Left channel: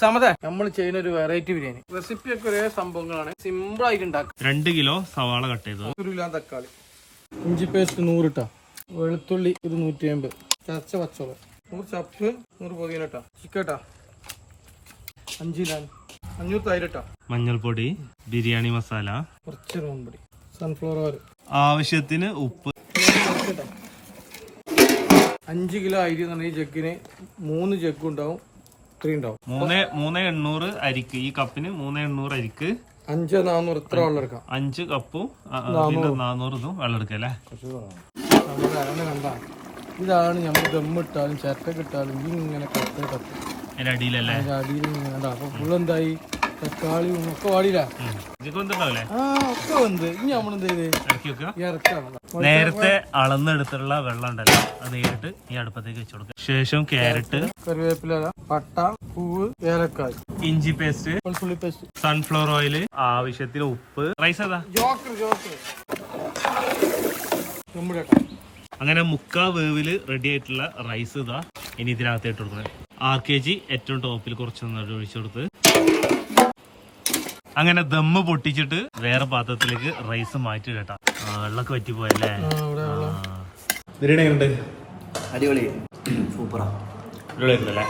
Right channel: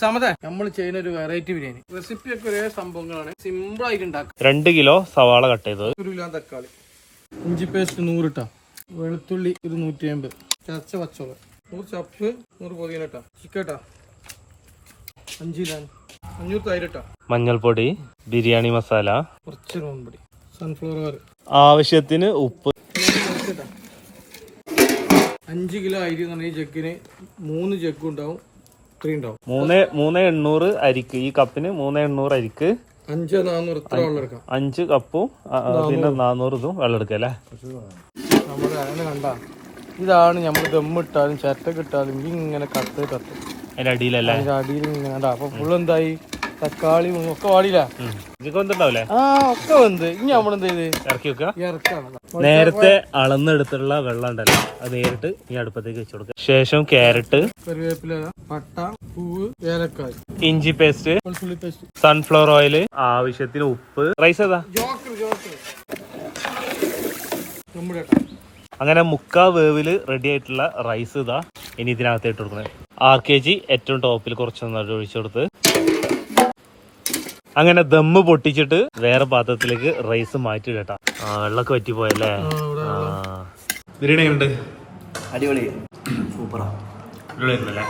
സമത നമ്മൾ ചെയ്യുന്ന ഒരു വെറൈറ്റി ബിരിയാണി റെസിപ്പി ഒക്കെ ഒരേ സംഭവങ്ങളാണ്, സിമ്പിൾ ആയിട്ട് ഉണ്ടാക്കാം. 2 കിലോ സവാള കട്ട് ചെയ്തത്, 1 കിലോ തക്കാളി, ഇഞ്ചി പേസ്റ്റ് 100 ഇട്ടാ, വെളുത്തുള്ളി ഒരു 150, ചതച്ച പച്ചമുളക് 100, ചപ്പ് 100 പുതിന ഇട്ടാ, ചിക്കട്ടാ 5 കിലോ, 500 തൈര് ഇട്ടാ, മഞ്ഞൾപ്പൊടി, ബിരിയാണി മസാല, കുറച്ച് റോൺപൊടി, സൺഫ്ലവർ ഓയിൽ, ആവശ്യത്തിന് ഉപ്പ്. 5 കിലോ അരി എന്ന് പറഞ്ഞാൽ ഈ ജഗ്ഗിന് 3 ജഗ്ഗും ഉണ്ടാവും, 3 ഉണ്ടാവും. 3,800 അരിക്ക്, ഈ കപ്പിന് 3,800 അരിക്ക് 5,400 ഇത്ര വെള്ളം എടുക്കാം. 5 കപ്പും 400 ഇതും വെള്ളം എടുക്കാം അല്ലേ. നമ്മുടെ അങ്ങനെ കണ്ട ഇതാണ് നമ്മൾ ദമ്മിട്ടാലും ചട്ടക്കിട്ടാലും ഇങ്ങനെ കത്ത് അതിന്റെ അടിയിലല്ലേ, അടിയിൽ വേണ്ട. അപ്പൊ ഫുള്ള് എന്തായി, തക്കാളി ഒക്കെ വാടിയില്ല, ഇതൊക്കെ വന്നിട്ടുണ്ടാവില്ലേ. ഒക്കെ വന്ന് ഇനി നമ്മളെന്ത് ചെയ്ത് ഇറക്കി വെക്കുക. ഇറക്കാണ്. നേരത്തെ അളന്നെടുത്തുള്ള വെള്ളം ഉണ്ടല്ലോ, അത് നേരിട്ട് ഈ അടുപ്പത്തേക്ക് വെച്ച് കൊടുക്കുക. ശേഷം ക്യാരറ്റ്, കറിവേപ്പില, പട്ട, പൂവ്, ഏലക്കായ്, ഇഞ്ചി പേസ്റ്റ്, വെളുത്തുള്ളി പേസ്റ്റ്, സൺഫ്ലവർ ഓയിൽ, ആവശ്യത്തിന് ഉപ്പ്. റൈസ് ഏതാ? നമ്മുടെ അങ്ങനെ 3/4 വേവില് റെഡി ആയിട്ടുള്ള റൈസ് ഇതാ ഇനി ഇതിനകത്ത് ഇട്ട് കൊടുക്കുന്നത്. 6 kg ഏറ്റവും ടോപ്പിൽ കുറച്ച് നന്നായിട്ട് ഒഴിച്ചു കൊടുത്ത് അങ്ങനെ ദമ്മ് പൊട്ടിച്ചിട്ട് വേറെ പാത്രത്തിലേക്ക് റൈസ് മാറ്റി കേട്ടാ. വെള്ളമൊക്കെ പറ്റിപ്പോയല്ലേ. ബിരിയാണി ഉണ്ട്, അടിപൊളി, സൂപ്പറാ, അടിപൊളിയായിരുന്നല്ലേ.